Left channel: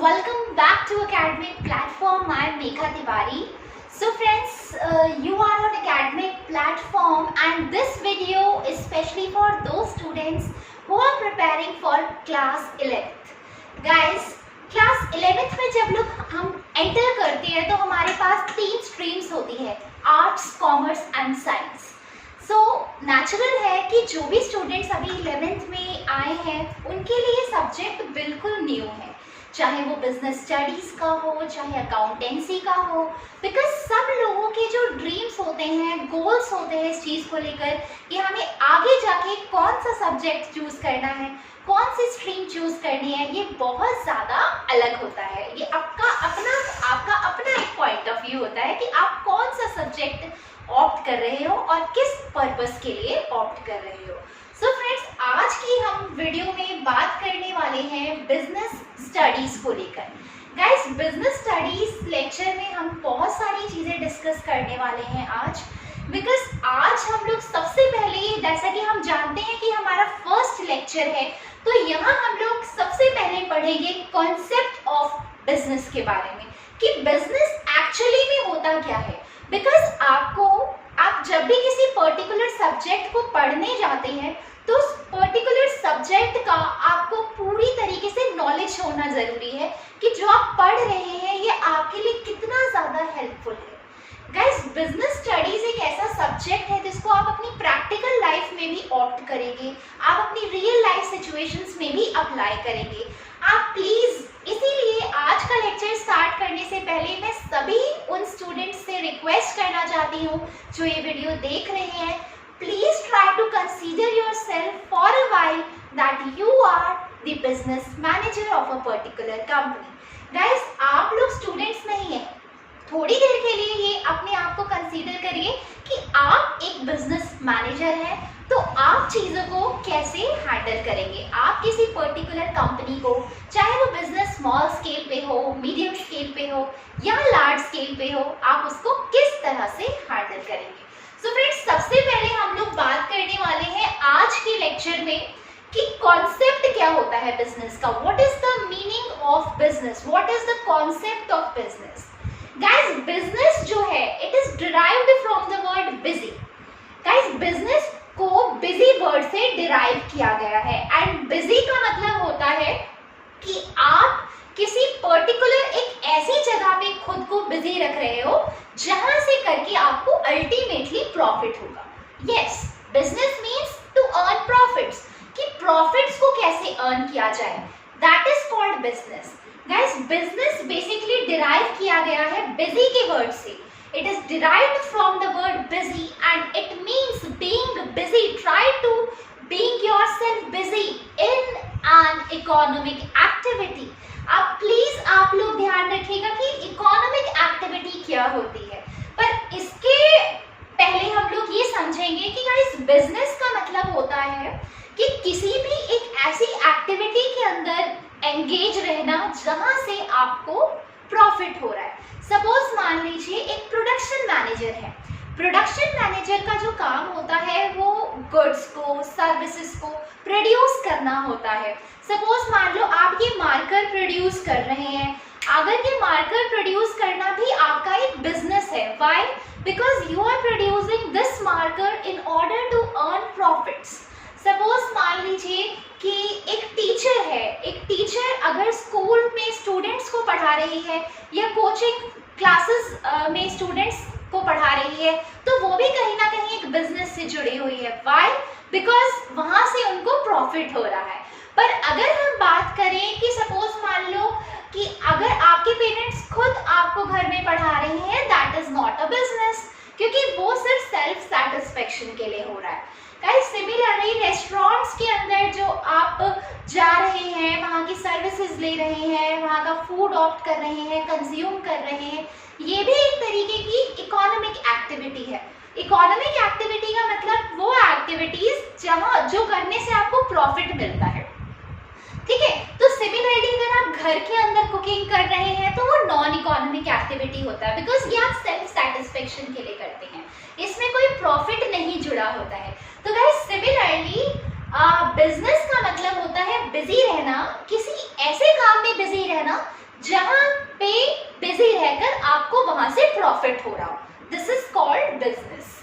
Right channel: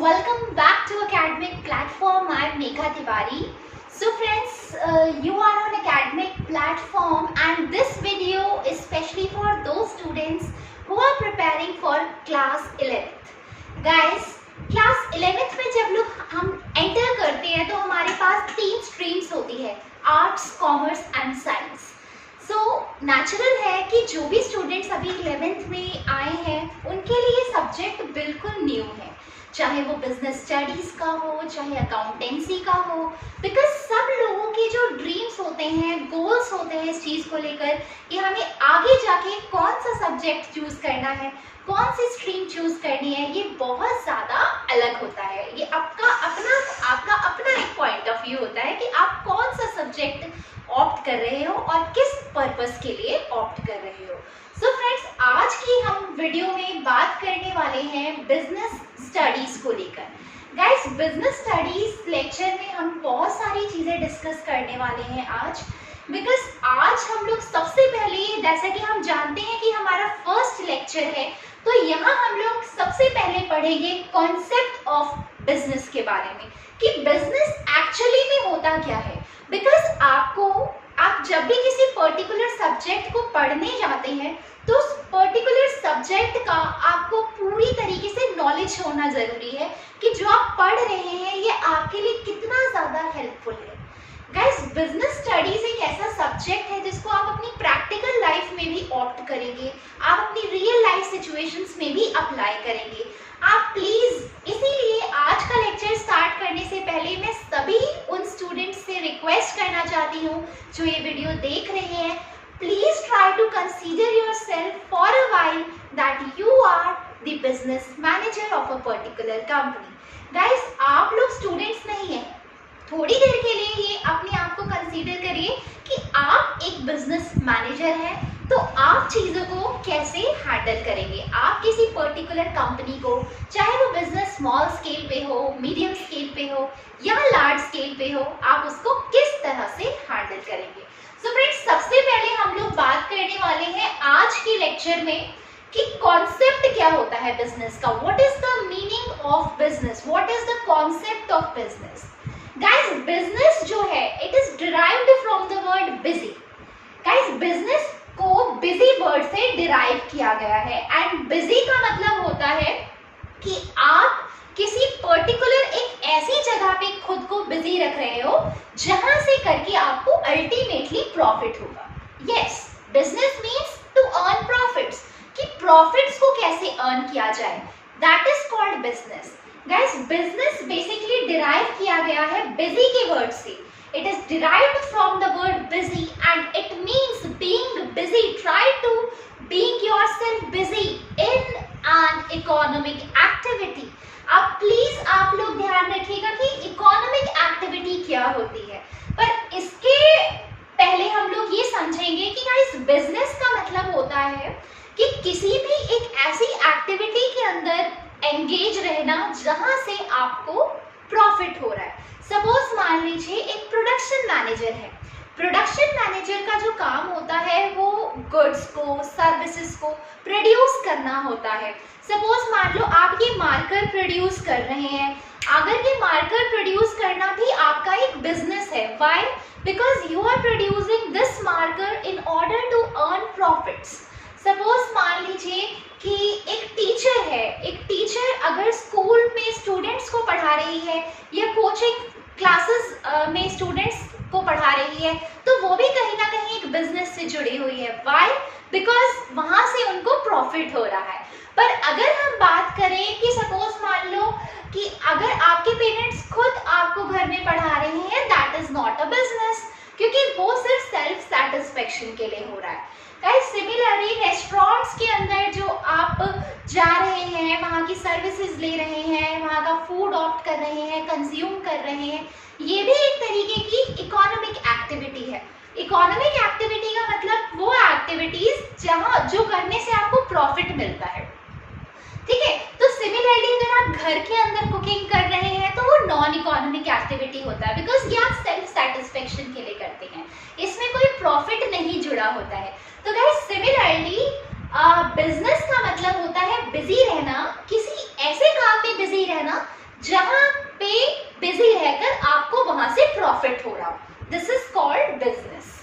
welcome back to Academic Platform. I am Megha Tiwari. So friends, you are on Academic Platform and this video is specially for those students who are preparing for class 11th. Guys, class 11th में जब लोग हम enter करते हैं तो हमारे पास 3 streams होती है, arts, commerce and science. So natural है कि जो भी स्टूडेंट्स अभी 11th में आए हैं उनके लिए सब्जेक्ट बिल्कुल न्यू है, चाहे वो बिजनेस स्टडीज़ का हो, चाहे अकाउंटेंसी का हो, बिकॉज सब लोगों के जो ड्रीम्स होते हैं, गोल्स होते हैं इस चीज़ को लेकर कि हमें आगे जाके कौन सा सब्जेक्ट चूज़ करना है, कौन सी स्ट्रीम चूज़ करनी है, ये बहुत ज़्यादा अलग होता है. ये आपका अपना एक पॉइंट ऑफ व्यू होता है कि आप कौन सा सब्जेक्ट ऑप्ट कर रहे हो और किस पर्पस के लिए ऑप्ट कर रहे हो. सो फ्रेंड्स, आज की हम वीडियो में बात करने वाले हैं बिजनेस स्टडीज को लेकर. गाइस, बिजनेस स्टडीज लेक्चर में हम बहुत सारी चीज़ें डिस्कस करने वाले हैं आज, बिकॉज आज हम लोग सबसे पहले, जैसा कि हम जानते हैं कि हमारा फर्स्ट लेक्चर है, तो यहाँ हम लोग सबसे पहले पढ़ेंगे कॉन्सेप्ट ऑफ बिजनेस के बारे में कि बिजनेस एक्चुअली में होता क्या है. बिकॉज आप जब भी किसी पर्टिकुलर सब्जेक्ट को पढ़ने जाते हैं तो उस पर्टिकुलर सब्जेक्ट का आपको पूरी तरीके से नॉलेज होना जरूरी है कि जो आप पढ़ रहे हैं ये आपके लिए कितना ज़्यादा हेल्पफुल है. गाइस, बिजनेस स्टडीज एक ऐसा सब्जेक्ट है जिसको आप अपनी प्रैक्टिकल लाइफ में भी ऑप्ट करेंगे, आप अपनी रियल लाइफ सिचुएशंस में भी अप्लाई करेंगे. आप प्लीज़, इसीलिए आज का लेक्चर स्टार्ट करने से पहले मैं सभी उन स्टूडेंट्स से रिक्वेस्ट करना चाहती हूँ जो ये वीडियो देख रहे हैं, please try to consider yourself for a while that you are the business manager of a particular company. Guys, आप लोग स्टूडेंट्स नहीं हैं, थोड़ी देर के लिए ये अपने आप को कंसीडर करिए कि आप एक बिजनेस मैनेजर हैं, तो आप चीज़ों को कैसे हैंडल करेंगे. आप किसी पर्टिकुलर कंपनी को, चाहे वो बिजनेस स्मॉल स्केल पे हो, मीडियम स्केल पे हो या लार्ज स्केल पे हो, आप उसको किस तरह से हैंडल करेंगे. सो फ्रेंड्स, सबसे पहले हम लोग बात करने वाले हैं आज के लेक्चर में कि कॉन्सेप्ट क्या होता है बिजनेस का. What is the meaning of business, what is the concept of business. Guys, business जो है it is derived from the word busy. Guys, business को बिजी वर्ड से डिराइव किया गया है एंड बिजी का मतलब होता है कि आप किसी पर्टिकुलर एक ऐसी जगह पे खुद को बिजी रख रहे हो जहां से करके आपको अल्टीमेटली प्रॉफिट होगा. Yes, business means to earn profits, कि प्रॉफिट्स को कैसे अर्न किया जाए, that is called business. Guys, business basically derive किया गया है बिजी के वर्ड से. It is derived from the word busy and it means being busy. Try to being yourself busy in an economic activity. अब please आप लोग ध्यान रखिएगा कि इकोनॉमिक एक्टिविटी क्या होती है, पर इसके पहले हम लोग ये समझेंगे कि गाइस, बिजनेस का मतलब होता है कि किसी भी एक ऐसी एक्टिविटी के अंदर एंगेज रहना जहां से आपको प्रॉफिट हो रहा है. सपोज मान लीजिए एक प्रोडक्शन मैनेजर है. प्रोडक्शन मैनेजर का जो काम होता है वो गुड्स को, सर्विसेज को प्रोड्यूस करना होता है. सपोज मान लो आप ये मार्कर प्रोड्यूस कर रहे हैं. अगर ये मार्कर प्रोड्यूस करना भी आपका एक बिजनेस है. Why? Because you are producing this marker in order to earn profits. Suppose मान लीजिए कि एक टीचर है, एक टीचर अगर स्कूल में स्टूडेंट्स को पढ़ा रही है या कोचिंग क्लासेस में स्टूडेंट्स को पढ़ा रही है, तो वो भी कहीं ना कहीं एक बिजनेस से जुड़ी हुई है. व्हाई? बिकॉज वहाँ से उनको प्रॉफिट हो रहा है. पर अगर हम बात करें कि सपोज मान लो कि अगर आपके पेरेंट्स खुद आपको घर में पढ़ा रहे हैं, that is not a business, क्योंकि वो सिर्फ सेल्फ सेटिस्फेक्शन के लिए हो रहा है. सिमिलरली रेस्टोरेंट्स के अंदर जो आप जा रहे हैं, वहाँ की सर्विसेज ले रहे हैं, वहाँ का फूड ऑप्ट कर रहे हैं, कंज्यूम कर रहे हैं, ये भी एक तरीके की इकोनॉमिक एक्टिविटी है. इकोनॉमिक एक्टिविटी का मतलब वो एक्टिविटीज जहाँ जो करने से आपको प्रॉफिट मिलता है. ठीक है, तो सिमिलरली अगर आप घर के अंदर कुकिंग कर रहे हैं तो वो नॉन इकोनॉमिक एक्टिविटी होता है, बिकॉज ये आप सेल्फ सेटिस्फेक्शन के लिए करते हैं, इसमें कोई प्रॉफिट नहीं जुड़ा होता है. तो गाइस, सिमिलरली बिजनेस का मतलब होता है बिजी रहना, किसी ऐसे काम में बिजी रहना जहां पे बिजी रहकर आपको वहां से प्रॉफिट हो रहा हो, this is called business.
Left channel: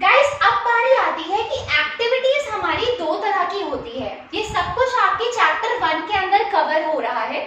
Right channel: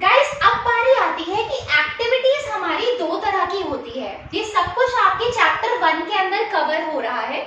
Guys, अब बारी आती है कि एक्टिविटीज हमारी दो तरह की होती है। ये सब कुछ आपके चैप्टर 1 के अंदर कवर हो रहा है,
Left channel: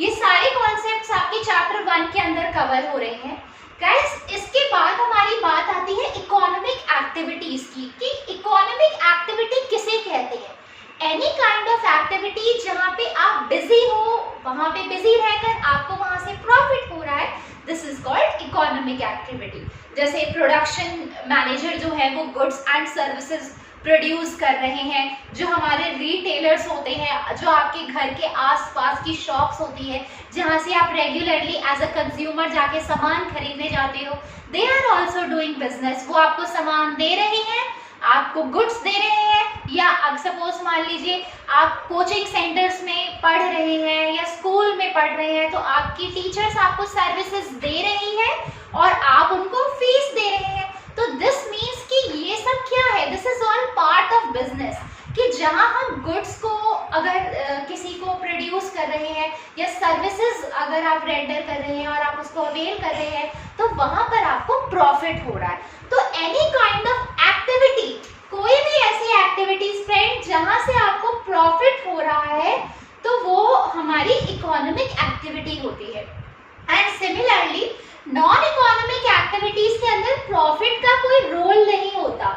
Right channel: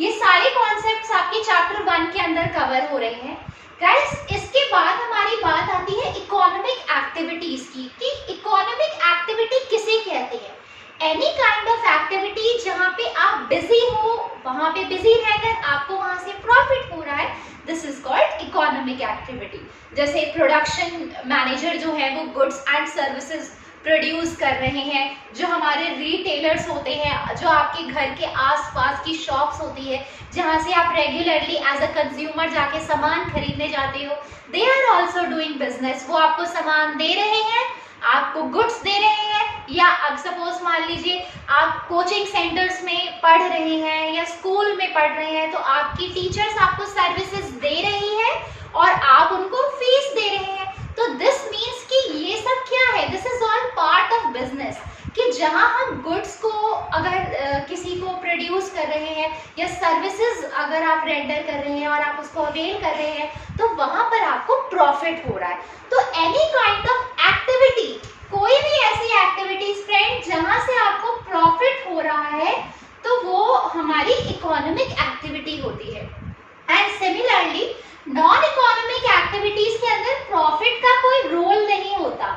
ये सारे कॉन्सेप्ट्स आपके चैप्टर 1 के अंदर कवर हो रहे हैं। गाइस, इसके बाद हमारी बात आती है इकोनॉमिक एक्टिविटीज की, कि इकोनॉमिक एक्टिविटी किसे कहते हैं। एनी काइंड ऑफ एक्टिविटी जहाँ पे आप बिजी हो, वहां पे बिजी रहकर आपको वहां से प्रॉफिट हो रहा है, this is called economic activity. जैसे प्रोडक्शन मैनेजर जो है वो गुड्स एंड सर्विसेज प्रोड्यूस कर रहे हैं, जो हमारे रिटेलर्स होते हैं, जो आपके घर के आसपास की शॉप्स होती है जहां से आप रेगुलरली एज अ कंज्यूमर जाके सामान खरीदने जाते हो, they are also doing business. वो आपको सामान दे रहे हैं, आपको गुड्स दे रहे हैं, या अब सपोज मान लीजिए आप कोचिंग सेंटर्स में पढ़ रहे हैं या स्कूल में पढ़ रहे हैं, तो आपकी टीचर्स आपको सर्विसेज दे रही है और आप उनको फीस दे रहे हैं। तो दिस मीन्स कि ये सब क्या है, this is all part of business, कि जहां हम गुड्स को अगर किसी को प्रोड्यूस कर रहे हैं या सर्विसेज अगर आप रेंडर कर रहे हैं और आप उसको अवेल कर रहे हैं, तो वहां पर आपको प्रॉफिट हो रहा है। तो एनी काइंड ऑफ एक्टिविटी, कोई भी ऐसी एक्टिविटीज फ्रेंड जहां से आपको प्रॉफिट हो रहा है, तो वो हमारी इकोनॉमिक एक्टिविटी होती है। And similarly non economic activities के अंदर प्रॉफिट का कोई रोल नहीं होता,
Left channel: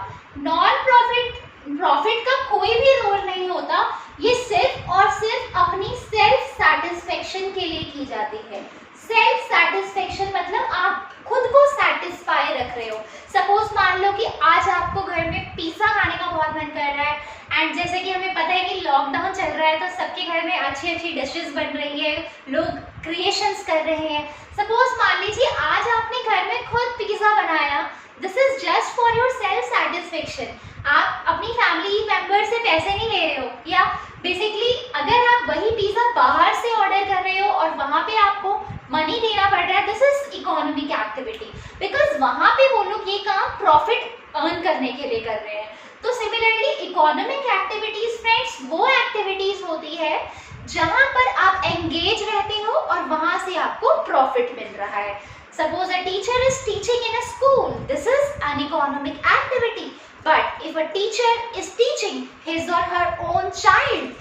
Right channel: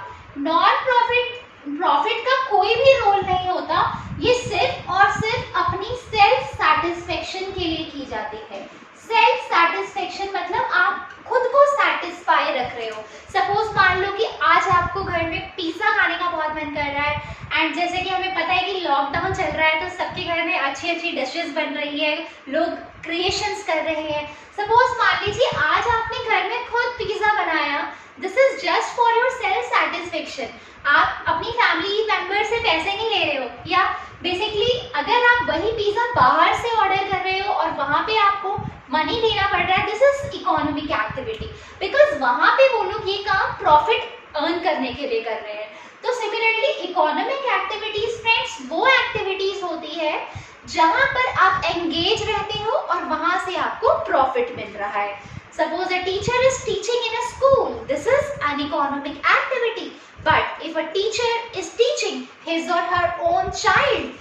प्रॉफिट का कोई भी रोल नहीं होता। ये सिर्फ और सिर्फ अपनी सेल्फ सेटिस्फेक्शन के लिए की जाती है। सेल्फ सेटिस्फेक्शन मतलब आप खुद को सेटिस्फाई रख रहे हो। सपोज मान लो कि आज आपको घर में पिज्जा खाने का बहुत मन कर रहा है, एंड जैसे कि हमें पता है कि लॉकडाउन चल रहा है, तो सबके घर में अच्छी अच्छी डिशेस बन रही है, लोग क्रिएशंस कर रहे हैं। सपोज मान लीजिए आज आपने घर में खुद पिज्जा बनाया, this is just for your self satisfaction. आप अपनी फैमिली मेंबर से पैसे नहीं ले रहे हो, या बेसिकली अगर आप वही पिज्जा बाहर से ऑर्डर कर रहे हो और वहां पे आपको मनी देना पड़ रहा है, this is economic activity, because वहां पे वो लोग ये काम प्रॉफिट अर्न करने के लिए कर रहे हैं। तो सिमिलरली इकोनॉमिक एक्टिविटीज फ्रेंड्स वो एक्टिविटीज होती है जहां पर आप एंगेज रहते हो और वहां से आपको प्रॉफिट मिल रहा है। Suppose a teacher is teaching in a school, this is an economic activity. But if a teacher is teaching his और हर ओन चाइल्ड,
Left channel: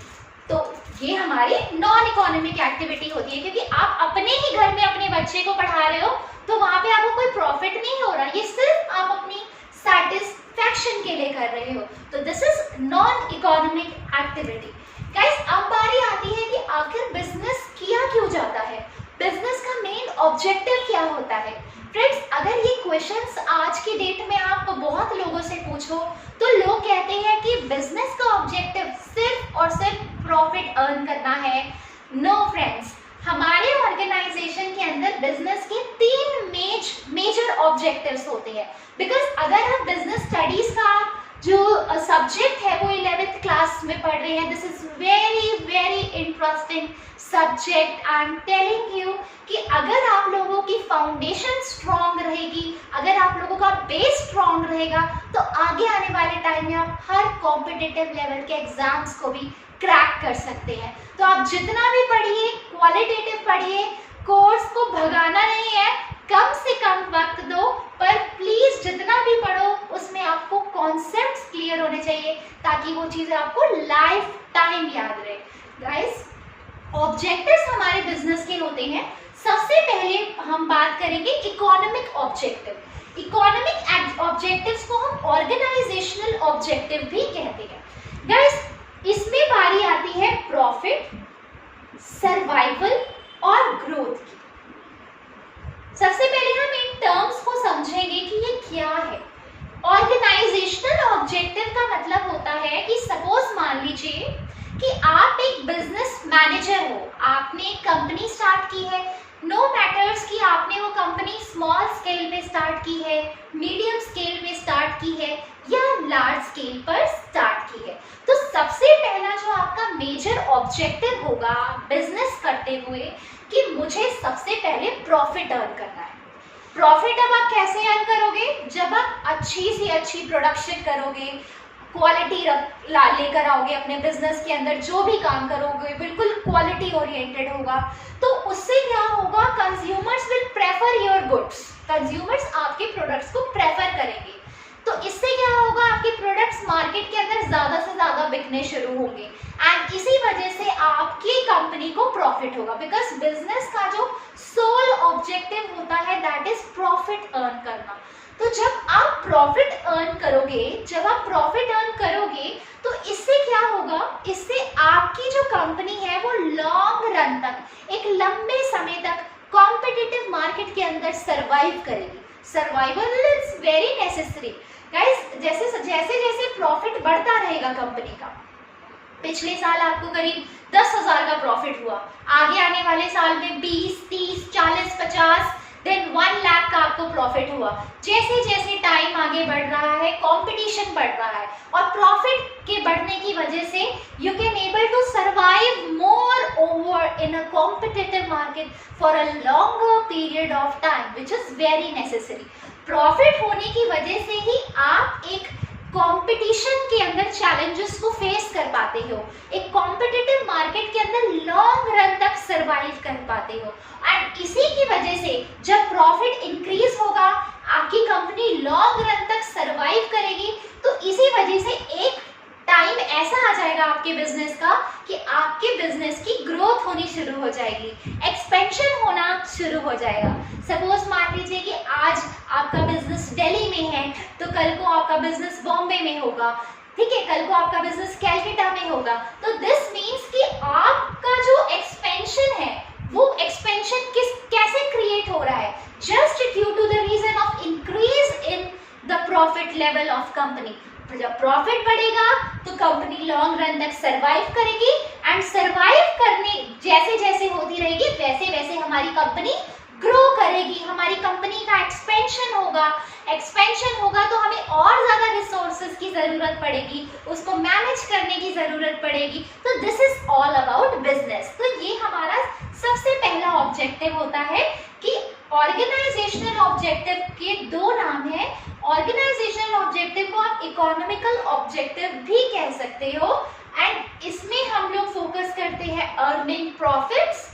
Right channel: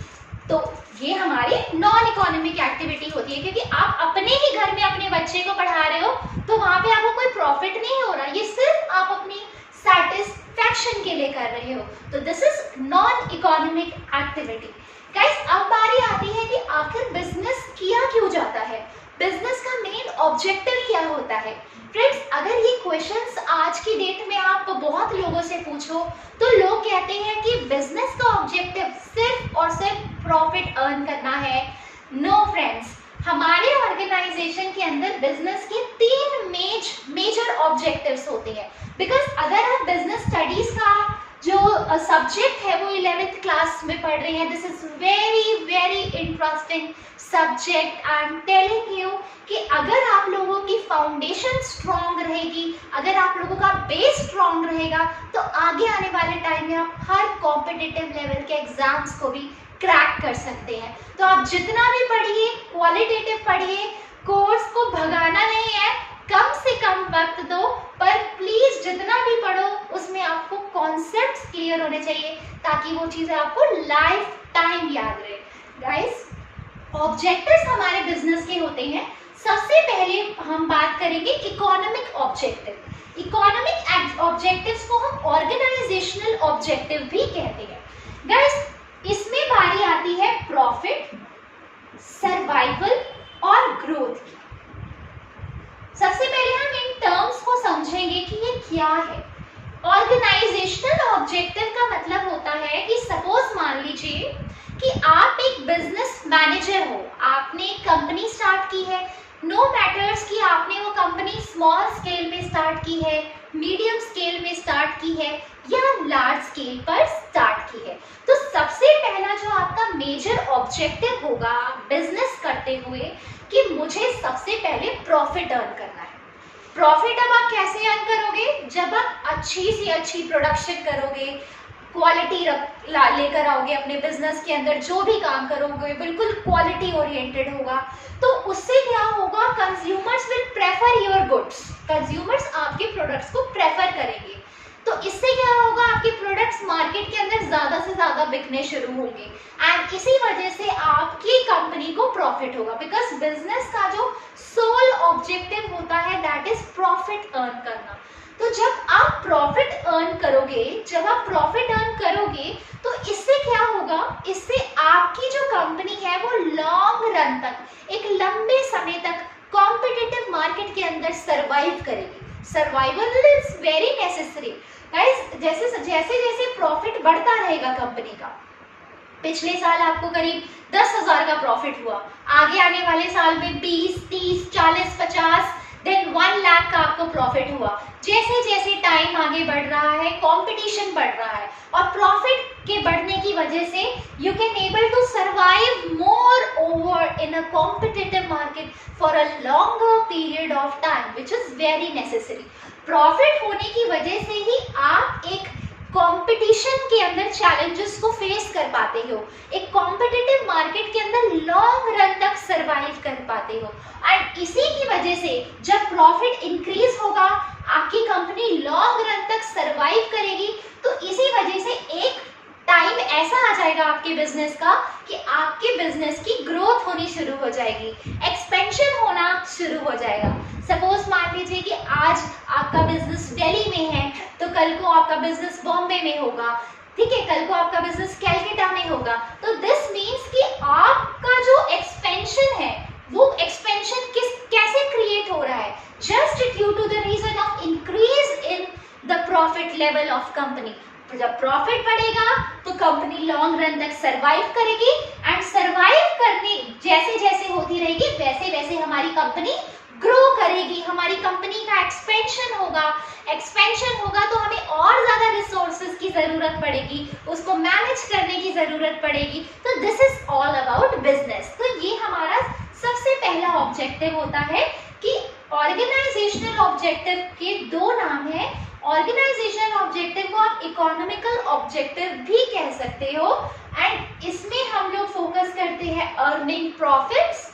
तो ये हमारी नॉन इकोनॉमिक एक्टिविटी होती है, क्योंकि आप अपने ही घर में अपने बच्चे को पढ़ा रहे हो, तो वहां पे आपको कोई प्रॉफिट नहीं हो रहा, ये सिर्फ आप अपनी सेटिस्फैक्शन के लिए कर रहे हो। तो this is non economic activity. Guys, अब बारी आती है कि आखिर बिजनेस किया क्यों जाता है, बिजनेस का मेन ऑब्जेक्टिव क्या होता है। फ्रेंड्स, अगर ये क्वेश्चंस आज की डेट में आप बहुत लोगों से पूछो, तो लोग कहते हैं कि बिजनेस का ऑब्जेक्टिव सिर्फ और सिर्फ प्रॉफिट अर्न करना है। नो फ्रेंड्स, हमारे ऑर्गेनाइजेशन के अंदर बिजनेस के 3 मेजर ऑब्जेक्टिव्स होते हैं। बिकॉज अगर आप बिजनेस स्टडीज का जो सब्जेक्ट है वो 11th क्लास में पढ़ रहे हैं, this is very very interesting subject. I am telling you कि अगर आप लोगों की फाउंडेशन स्ट्रांग रहेगी, अगर आप लोगों का बेस स्ट्रांग रहेगा, तो आगे आने वाले टाइम में आप हर कॉम्पिटिटिव लेवल के एग्जाम्स को भी क्रैक कर सकते हैं। तो आप जितना भी पढ़िए, क्वालिटेटिव पढ़िए, कोर्स को भगाना नहीं है, कम से कम वक्त दो, पर प्लीज जितना भी पढ़ो उसमें आपको कॉन्सेप्ट्स क्लियर होने चाहिए, ताकि वो चीजें आपको लाइफ टाइम याद रहे। गाइस, ऑब्जेक्टिव्स हमारे बिजनेस के होते हैं। सबसे पहले हम बात करेंगे इकोनॉमिक ऑब्जेक्टिव। इकोनॉमिक ऑब्जेक्टिव्स को हम ऑर्गेनाइजेशनल ऑब्जेक्टिव भी कहते हैं। गाइस, इसमें बारी आती है प्रॉफिट, सर्वाइवल और ग्रोथ की। सबसे पहले हम इन टर्म्स को समझेंगे कि ये क्या है। ऑर्गेनाइजेशनल ऑब्जेक्टिव का मतलब होता है कि सपोज मान लीजिए कि आप एक बिजनेस मैनेजर हो, आपने एक कंपनी स्टार्ट की है, नो मैटर्स कि आपने वो कंपनी स्मॉल स्केल में स्टार्ट की है, मीडियम स्केल में स्टार्ट की है या लार्ज स्केल पर स्टार्ट की है। तो सबसे पहला जो आपका मेजर ऑब्जेक्टिव होगा बिजनेस करते हुए, कि मुझे सबसे पहले प्रॉफिट अर्न करना है। प्रॉफिट अब आप कैसे अर्न करोगे, जब आप अच्छी से अच्छी प्रोडक्शन करोगे, क्वालिटी लेकर आओगे अपने बिजनेस के अंदर, जो भी काम करोगे बिल्कुल क्वालिटी ओरिएंटेड होगा, तो उससे क्या होगा, consumers will prefer your goods, consumers आपके प्रोडक्ट्स को प्रेफर करेंगे। तो इससे क्या होगा, आपके प्रोडक्ट्स मार्केट के अंदर ज्यादा से ज्यादा बिकने शुरू होंगे एंड इसी वजह से आपकी कंपनी को प्रॉफिट होगा, बिकॉज बिजनेस का जो सोल ऑब्जेक्टिव होता है दैट इज प्रॉफिट अर्न करना। तो जब आप प्रॉफिट अर्न करोगे, जब आप प्रॉफिट अर्न करोगे तो इससे क्या होगा, इससे आपकी जो कंपनी है वो लॉन्ग रन तक, एक लंबे समय तक कॉम्पिटिटिव मार्केट के अंदर सरवाइव करेगी। Survival is very necessary guys. जैसे जैसे प्रॉफिट बढ़ता रहेगा कंपनी का, पिछले साल आपको करीब 10,000 का प्रॉफिट हुआ, आगे आने वाले साल में 20, 30, 40, 50, देन 1 लाख का आपको प्रॉफिट हुआ। जैसे जैसे टाइम आगे बढ़ रहा है, कंपटीशन बढ़ रहा है और प्रॉफिट के बढ़ने की वजह से you can able to survive more over in a competitive market for a longer period of time which is very necessary. Profit होने की वजह से ही आप एक कंपटीशन के अंदर चैलेंजेस को फेस कर पाते हो, एक कॉम्पिटिटिव मार्केट के अंदर लॉन्ग रन तक सरवाइव कर पाते हो एंड इसी की वजह से जब प्रॉफिट इंक्रीज होगा, आपकी कंपनी लॉन्ग रन तक सरवाइव करेगी। तो इसी वजह से एक टाइम ऐसा आ जाएगा आपके बिजनेस का कि आपके बिजनेस की ग्रोथ होनी शुरू हो जाएगी, एक्सपेंशन होना शुरू हो जाएगा। सपोज मान लीजिए कि आज आपका बिजनेस दिल्ली में है तो कल को आपका बिजनेस बॉम्बे में होगा, ठीक है, कल को आपका बिजनेस कैलकाटा में होगा। तो दिस मीन्स कि आपका जो एक्सपेंशन है वो एक्सपेंशन कैसे क्रिएट हो रहा है, just due to the reason of increase in the profit level of company. जब प्रॉफिट बढ़ेगा तो कंपनी लॉन्ग रन तक सरवाइव करेगी एंड सरवाइव करने जैसे जैसे होती रहेगी वैसे वैसे हमारी कंपनी ग्रो करेगी, हमारी कंपनी का एक्सपेंशन होगा। एक्सपेंशन होगा तो हमें और ज्यादा रिसोर्सेज की जरूरत पड़ेगी, उसको मैनेज करने की जरूरत पड़ेगी। तो this is all about business. तो ये हमारा सबसे पहला ऑब्जेक्टिव होता है कि ऑर्गेनाइजेशनल ऑब्जेक्टिव के दो नाम है। ऑर्गेनाइजेशनल ऑब्जेक्टिव को आप इकोनॉमिकल ऑब्जेक्टिव भी कह सकते हो एंड इसमें हम लोग फोकस करते हैं अर्निंग प्रॉफिट्स,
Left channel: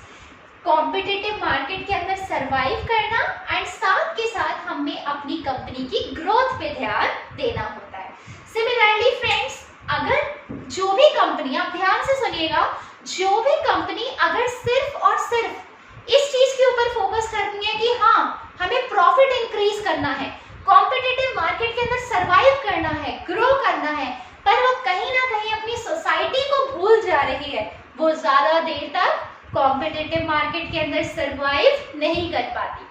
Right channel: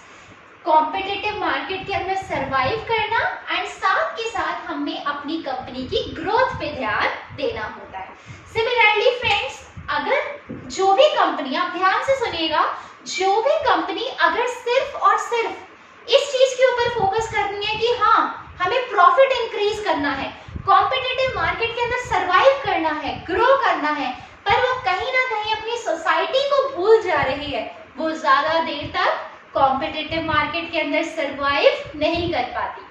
कॉम्पिटिटिव मार्केट के अंदर सरवाइव करना एंड साथ के साथ हमें अपनी कंपनी की ग्रोथ पे ध्यान देना होता है। सिमिलरली फ्रेंड्स, अगर जो भी कंपनी, आप ध्यान से सुनिएगा, जो भी कंपनी अगर सिर्फ और सिर्फ इस चीज के ऊपर फोकस करनी है कि हाँ हमें प्रॉफिट इंक्रीज करना है, कॉम्पिटिटिव मार्केट के अंदर सरवाइव करना है, ग्रो करना है, पर वो कहीं ना कहीं अपनी सोसाइटी को भूल जा रही है, वो ज्यादा देर तक कॉम्पिटिटिव मार्केट के अंदर सरवाइव नहीं कर पाती।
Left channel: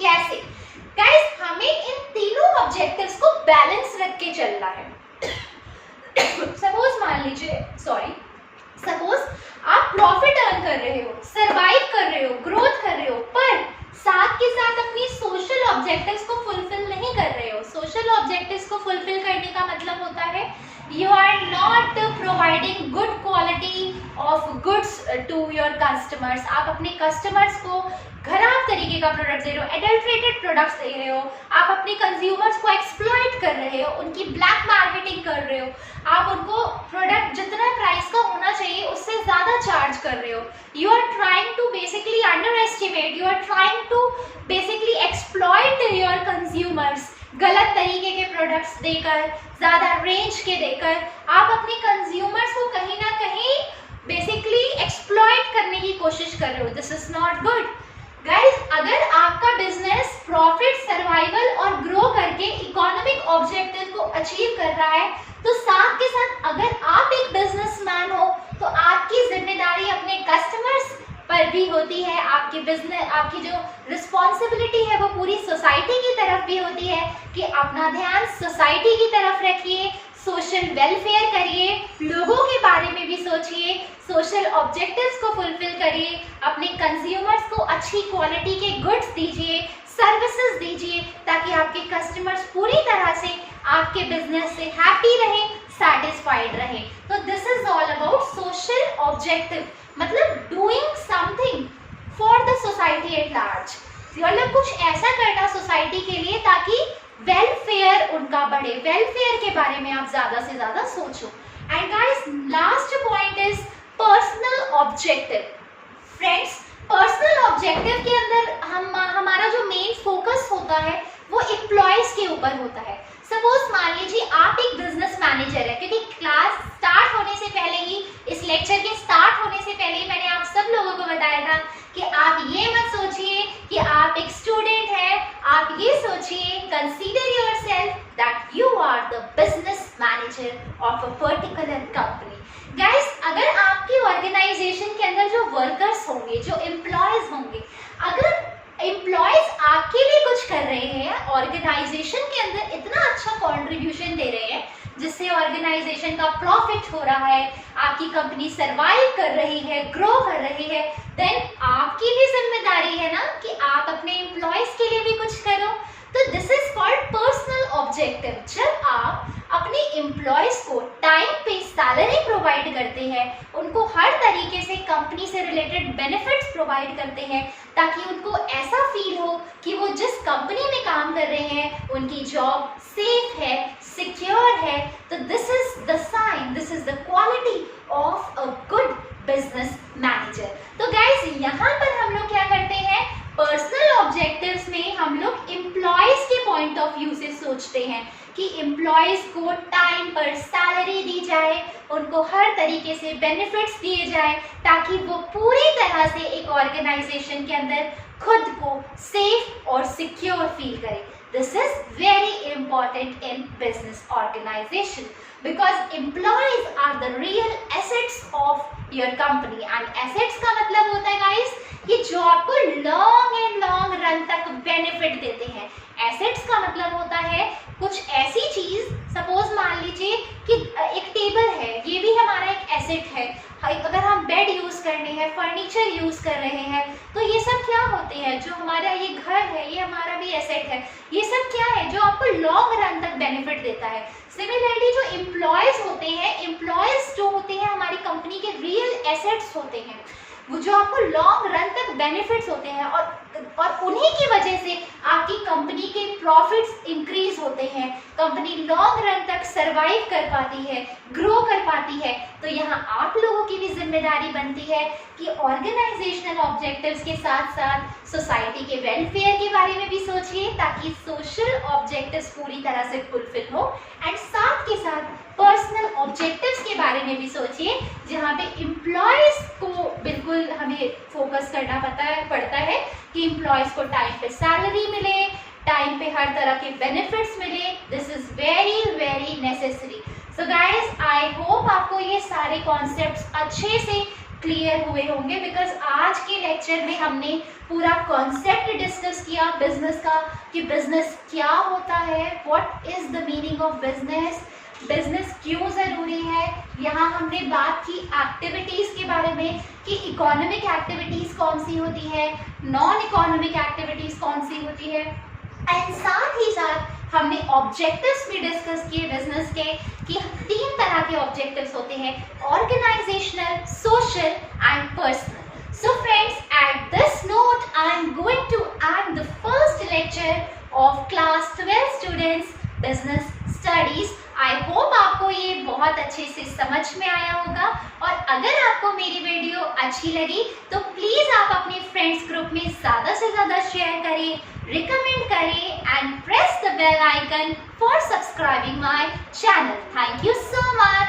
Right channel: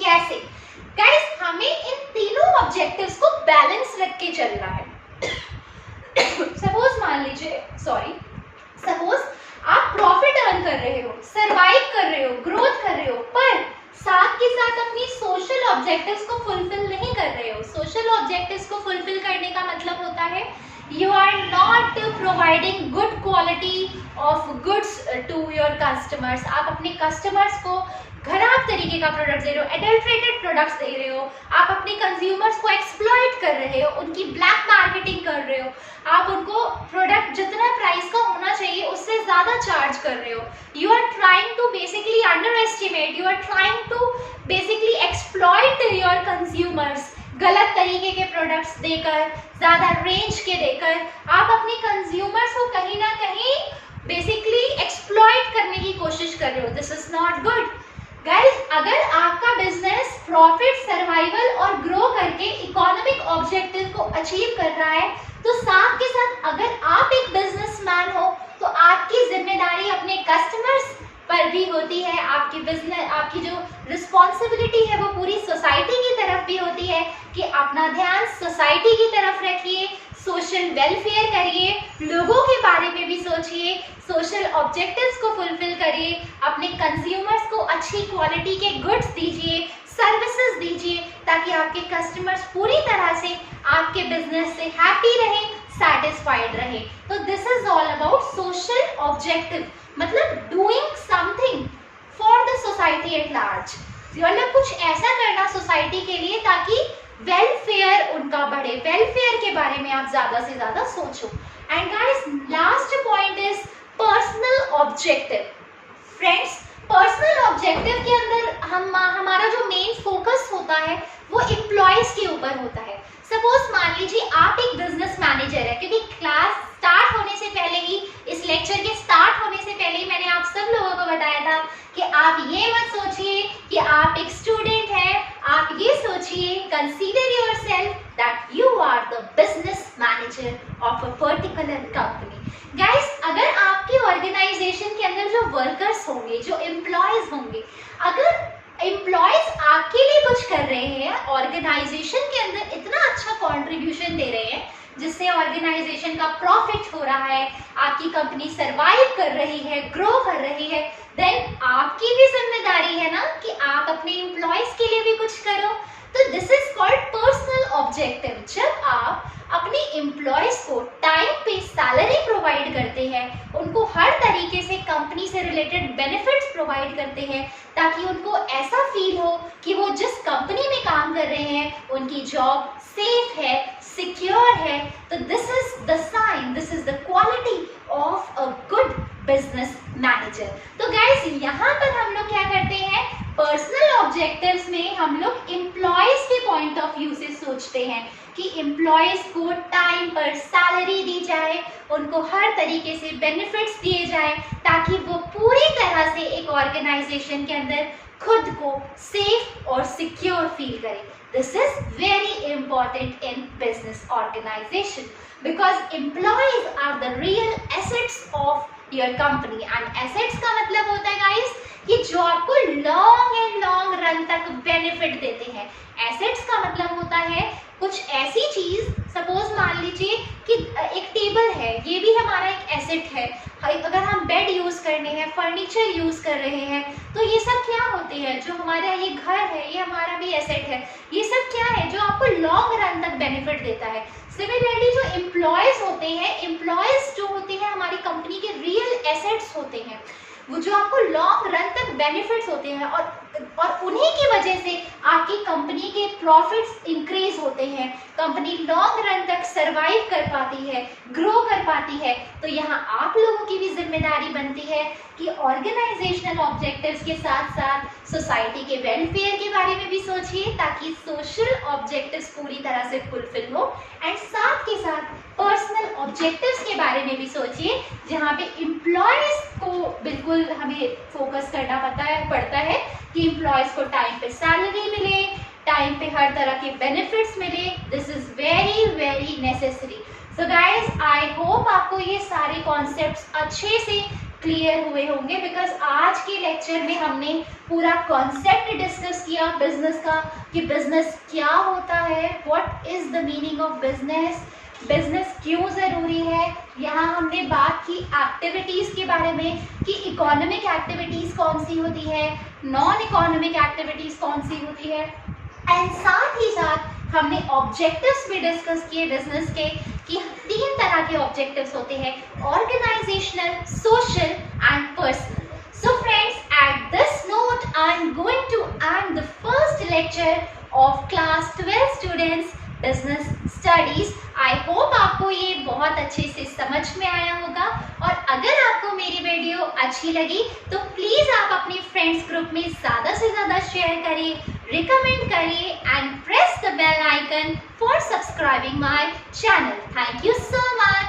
कैसे गाइस, हमें इन तीनों ऑब्जेक्टिव्स को बैलेंस रख के चलना है। सपोज मान लीजिए, सपोज आप प्रॉफिट अर्न कर रहे हो, सरवाइव कर रहे हो, ग्रोथ कर रहे हो, पर साथ के साथ अपनी सोशल ऑब्जेक्टिव्स को फुलफिल नहीं कर रहे हो। सोशल ऑब्जेक्टिव्स को फुलफिल करने का मतलब होता है you are not providing good quality of goods to your customers। आप अपने कस्टमर्स को खराब तरीके का प्रोडक्ट दे रहे हो, एडल्ट्रेटेड प्रोडक्ट्स दे रहे हो, आप अपने कंज्यूमर्स को एक्सप्लॉइट कर रहे हो, उनकी ब्लैक मार्केटिंग कर रहे हो, आप उनको प्रोडक्ट जितना प्राइस का होना चाहिए उससे ज्यादा चार्ज कर रहे हो। You are trying to basically underestimate, you are trying to basically exploit your consumers. गलत तरीके के प्रोडक्ट्स देकर, ज्यादा रेंज के देकर आप अपने कंज्यूमर्स को कहीं ना कहीं बेसिकली एक्सप्लॉइट करने की कोशिश कर रहे हो। This is not good guys. अगर आपका बिजनेस प्रॉफिट, सर्वाइवल और ग्रो करके इकोनॉमिक ऑब्जेक्टिव को अचीव कर रहा है तो साथ के साथ अगर आप एक बिजनेसमैन हो तो आपकी जिम्मेदारी अपने कस्टमर्स पर भी होती है, आपकी बिजनेस, आपकी जो रिस्पॉन्सिबिलिटी है वो पूरी सोसाइटी की तरफ भी होती है कि अपना ध्यान सोसाइटी की तरफ रखिए, सोशल वेलफेयर करिए, लोगों के बारे में भी सोचिए, सोशल ऑब्जेक्टिव्स को फुलफिल करिए, अपने कंज्यूमर्स को अच्छी क्वालिटी के गुड्स दीजिए, सर्विसेज दीजिए ताकि आपके कस्टमर्स पूरी तरह से आपके बिजनेस से हैप्पी रहें, सैटिस्फाइड रहें। तो this is all about social objective, मतलब doing something for the society at large. मतलब कुछ ऐसा करना सोसाइटी के लिए ताकि वेलफेयर उनका बढ़े, वेलफेयर के बारे में आप ज्यादा से ज्यादा सोचो। And guys, last point is personal objective. Friends, personal होता है वो एम्प्लॉयज के ऊपर होता है। सपोज मान लीजिए आप एक बिजनेस मैनेजर है, क्योंकि क्लास स्टार्ट होने से पहले ही, इस लेक्चर के स्टार्ट होने से पहले ही मैंने आप सब लोगों को बताया था कि आप ये मत सोचिए कि आप एक स्टूडेंट हैं, आप ये सोचिए, consider yourself that you are the business manager of a particular company. Guys, अगर आपकी ऑर्गेनाइजेशन के अंदर जो वर्कर्स होंगे, जो एम्प्लॉयज होंगे, अगर एम्प्लॉयज आपके लिए कुछ कर रहे हैं, ऑर्गेनाइजेशन के अंदर इतना अच्छा कंट्रीब्यूशन दे रहे हैं जिससे ऑर्गेनाइजेशन का प्रॉफिट हो रहा है, आपकी कंपनी सरवाइव कर रही है, ग्रो कर रही है, देन आपकी भी जिम्मेदारी है ना कि आप अपने एम्प्लॉयज के लिए भी कुछ करो। तो this is called personal objective. जब आप अपने एम्प्लॉयज को टाइम पे सैलरी प्रोवाइड करते हैं, उनको हर तरीके से कंपनी से रिलेटेड बेनिफिट्स प्रोवाइड करते हैं, ताकि उनको ऐसा फील हो कि वो जिस कंपनी में काम कर रहे हैं उनकी जॉब सेफ है, सिक्योर है, तो this is the sign, this is the quality of a good business manager. तो गाइस, यहाँ पर हम लोग क्या करते हैं, पर्सनल ऑब्जेक्टिव्स में हम लोग एम्प्लॉयज के पॉइंट ऑफ व्यू से सोचते हैं कि एम्प्लॉयज को टाइम पर सैलरी दी जाए, उनको हर तरीके से बेनिफिट्स दिए जाए, ताकि वो पूरी तरह से एक ऑर्गेनाइजेशन के अंदर खुद को सेफ और सिक्योर फील करे। This is very important in business organization because employees are the real assets of your company. And assets का मतलब होता है गाइस कि जो आपको लॉन्ग रन तक बेनिफिट देते हैं। एसेट्स का मतलब होता है कुछ ऐसी चीज, सपोज मान लीजिए कि एक टेबल है, ये भी हमारा एक एसेट है। अगर हम बेड यूज करने हैं, फर्नीचर यूज कर रहे हैं, तो ये सब क्या होते हैं, जो हमारा ये घर है, ये हमारा भी एसेट है। ये सब क्या है, जो आपको लॉन्ग रन तक बेनिफिट देता है। सिमिलरली जो एम्प्लॉयज होते हैं, एम्प्लॉयज जो होते हैं हमारी कंपनी के रियल एसेट्स होते हैं, वो जो आपको लॉन्ग रन तक बेनिफिट्स होते हैं, और उन्हीं की वजह से आपकी कंपनी के प्रॉफिट्स इंक्रीज होते हैं, कंपनी लॉन्ग रन तक सरवाइव कर पाती है, ग्रो कर पाती है। तो यहाँ आप लोगों की भी जिम्मेदारी बनती है कि ऑर्गेनाइजेशनल ऑब्जेक्टिव्स के साथ साथ सोसाइटी के वेलफेयर के बारे में भी सोचिए, ताकि सोशल ऑब्जेक्टिव्स पूरी तरह से फुलफिल हो, एंड साथ के साथ पर्सनल ऑब्जेक्टिव्स के बारे में भी सोचिए, जहाँ पे एम्प्लॉयज को बिल्कुल हमें फोकस करना पड़ता है कि एम्प्लॉयज को टाइम पे सैलरी मिले, टाइम पे हर तरह के बेनिफिट्स मिले। This is very necessary. So guys, I hope आपको ये सारे कॉन्सेप्ट्स अच्छे से क्लियर हुए होंगे, बिकॉज आज के लेक्चर में हमने पूरा कॉन्सेप्ट डिस्कस किया बिजनेस का, कि बिजनेस क्या होता है, what is the meaning of business, business क्यों ज़रूरी है। यहाँ हमने बात की एक्टिविटीज़ के बारे में कि इकोनॉमिक एक्टिविटीज़ कौन सी होती है, नॉन इकोनॉमिक एक्टिविटीज़ कौन सी होती है, एंड साथ ही साथ हमने ऑब्जेक्टिव्स भी डिस्कस किए बिजनेस के, कि 3 तरह के ऑब्जेक्टिव्स होते हैं, organizational, social and personal. So friends, at this note, I am going to end the first lecture of class 12 students business studies. I hope आपको ये बहुत अच्छे से समझ में आया होगा, और अगर आपको मेरी वीडियो अच्छी लगी तो प्लीज आप अपने फ्रेंड्स ग्रुप में ज़्यादा से ज़्यादा शेयर करें, रिकमेंड करें, and press the bell icon for subscribing my channel. Thank you so much.